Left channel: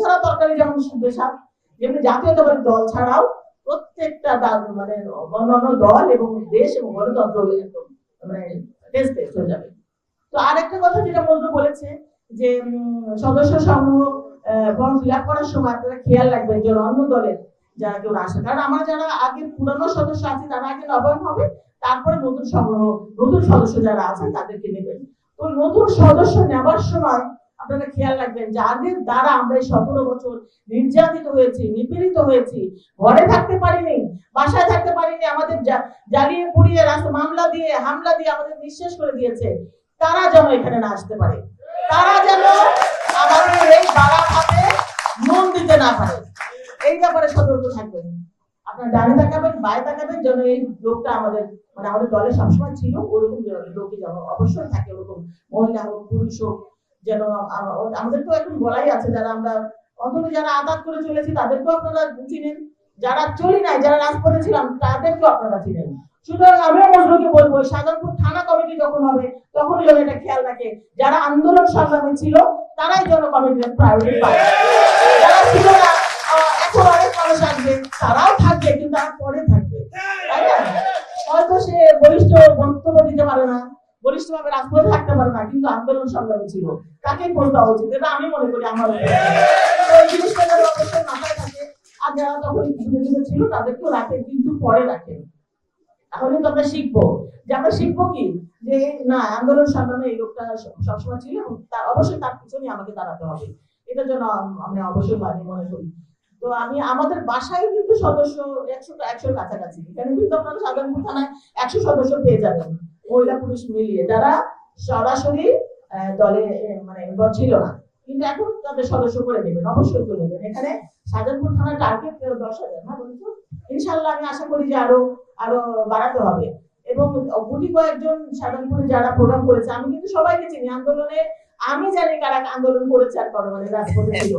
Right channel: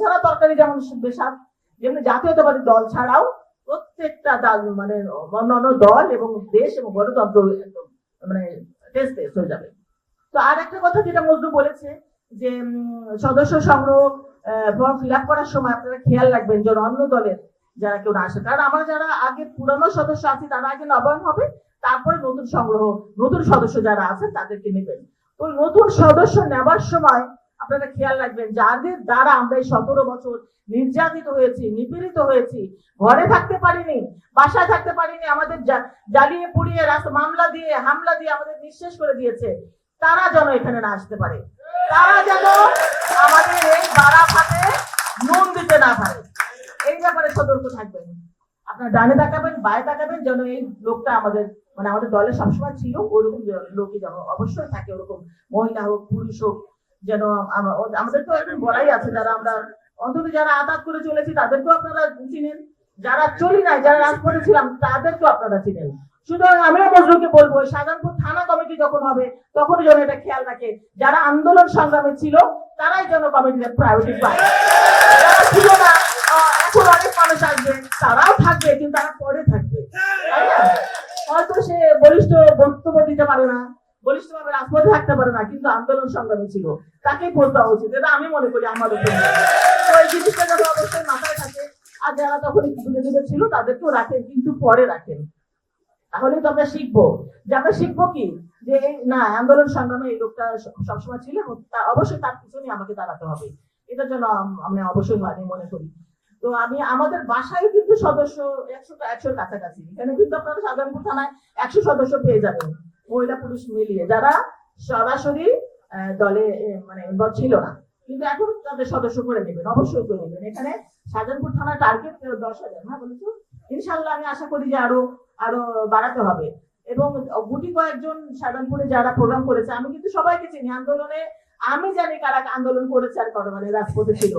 ছাড়া তরকারি যেমন বেশাক, যেমনি জাতীয়তাবাদী দল ছাড়াও প্রত্যেকটা দল মানে অন্যান্য দল এবং দেশ এবং গণতন্ত্র একদম মানে টেস্ট হয়ে যাবে। তো আর একটা কথা যেটা মজনু বলেছে যে সদস্য সংগ্রহ ফর্ম ফিল আপ করার সময় আপনারা খেয়াল রাখবেন যে অন্য দলের যারা কেউ আসে, কারণ আমরা যারা আগে পুরানো সদস্য আছি তারা আগে নবায়ন হবে, তারপরে নতুন সংগ্রহ নতুন সদস্য যারা আছেন তাদেরকে নেবেন। তো নতুন সদস্য নেওয়ার সময় আপনারা খেয়াল রাখবেন যাদের দ্বারা আমরা এই 17 বছর নির্যাতিত হয়েছি, নিপীড়িত হয়েছি, ঘরে থাকতে পারিনি, বাসায় থাকতে পারিনি, আমাদের জ্বালিয়ে পুড়িয়ে রাস্তা মামলা দিয়ে হামলা দিয়ে আমাদের নিঃশেষ করে দিয়েছে, তারা যেন এখানে না আসতে পারে, তারা যেন আমাদের এই বাড়া ভাতে নুন দিতে না পারে, এই ব্যাপারে সতর্ক থাকবেন। আপনার ডানে তাকাবেন, বায়ে তাকাবেন, যেন এই লোকটা আমাদের মানে আমাদের দলে সবসময় ছিল ওরকম লোকই যেন অবশ্যই থাকে, ওরকম মহিলা হোক পুরুষ হোক যেন। আমাদের তো এখন বলাই আছে যারা আমরা অন্তত যারা আঘাত করে চলেছি তাদেরকেও আপনারা চিনেন, যারা চলি নাই যারা রাজ করেছিলাম তাদেরকেও আপনারা চিনেন। সুতরাং আমিও মজনুকে বলবো শাহজাহানপুর থানা কমিটি যখন হবে তখনই যেন এটা খেয়াল রাখে যারা আন্দোলন সংগ্রামে ছিল তারাই যেন কমিটির প্রায়োরিটি পায়, যারা ছিল না এখন অনেক মানুষ আসবে তারাও থাকবে কিন্তু তারা পরে থাকবে, তাই না? হয়তো সে বলিষ্ঠ বক্তব্য দিতে পারে না, বলিষ্ঠ ভাবে রাজপথে থাকতে পারে না, কিন্তু আন্দোলন সংগ্রামে ছিল, তাকেই পড়তে উচিত, এটা আমি মনে করি। আমার ওই জিনিসটা যেন অবশ্যই মাথায় থাকে। আর যারা তখন দূরে দূরে ছিল তাদেরকেও রাখেন, কিন্তু পরে রাখেন। তাহলে তো আমরা শিখবো যে আমরা শিখবো কি যে না আন্দোলন সংগ্রামে এই লোকটা সবসময় ছিল এবং অবশ্যই তার পিছনে আমাকে দাঁড়াতে হবে, এটার জন্য আমরা অবশ্যই মনে করি। তো আমি আমাদের বাসায় কিন্তু সদস্য 100 কাছাকাছি, এখানে কিন্তু আপনারা সাধারণপুর থানায় 100 সদস্য পেয়ে যাবেন, মহিলা পুরুষ মিলিয়ে, যারা সরাসরি দলে মানে ছিল না, কিন্তু এখন তাদের সদস্য করে নেবেন, অবশ্যই করে নেবেন। এখানে সাধারণপুর থানার টার্গেট 10,000, হ্যাঁ বলছো, ইনশাল্লাহ আমি আশা করি যে আরো বাড়াতে হবে। এবং গুটি কয়েকজন সাধারণপুরে যারা প্রোগ্রাম করেছে আমি কিন্তু সবাইকে চিনি, আন্দোলনে আমি জানি কারা আন্দোলন করেছে আর কারো মানে রাজপথে ছিল,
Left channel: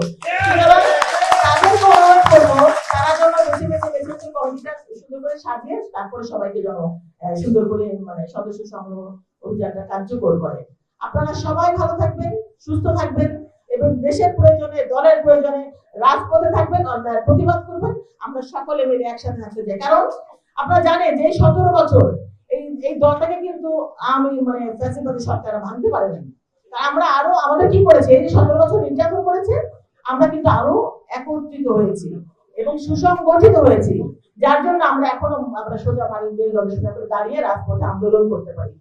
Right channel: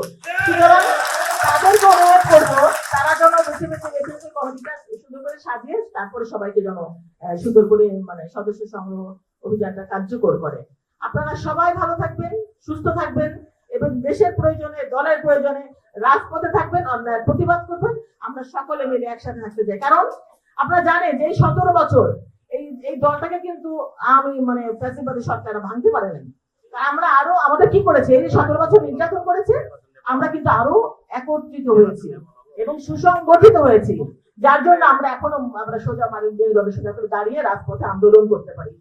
তাদেরকে অনুরোধ করবো তারা যেন বেশি বেশি কমিটিটা সুন্দর করে সাজিয়ে তারপরে সবাইকে যেন সুন্দর করে মানে সদস্য সংগ্রহ অভিযানটা কার্যকর করে। আপনারা সবাই ভালো থাকবেন, সুস্থ থাকবেন এবং দেশের প্রয়োজনে দলের প্রয়োজনে রাজপথে থাকবেন, অন্যায়ের প্রতিবাদ করবেন, আমরা সকলে মিলে একসাথে থাকতে চাই। কারণ আপনারা জানেন যে 17 বছর এই দলটাকে কিন্তু আমি মানে ফ্যাসিবাদী সরকার ভাঙতে পারেনি, আমরা আরো আমাদের কি করেছে এই 17 বছর নির্যাতন করেছে, আমরা কিন্তু আরো একত্রিত হয়েছি এবং সুসংগঠিত হয়েছি, যার জন্য আমরা এখনো আমরা সোজা মানিক দলের সোজা করে দাঁড়িয়ে রাজপথে আন্দোলন করতে পারি।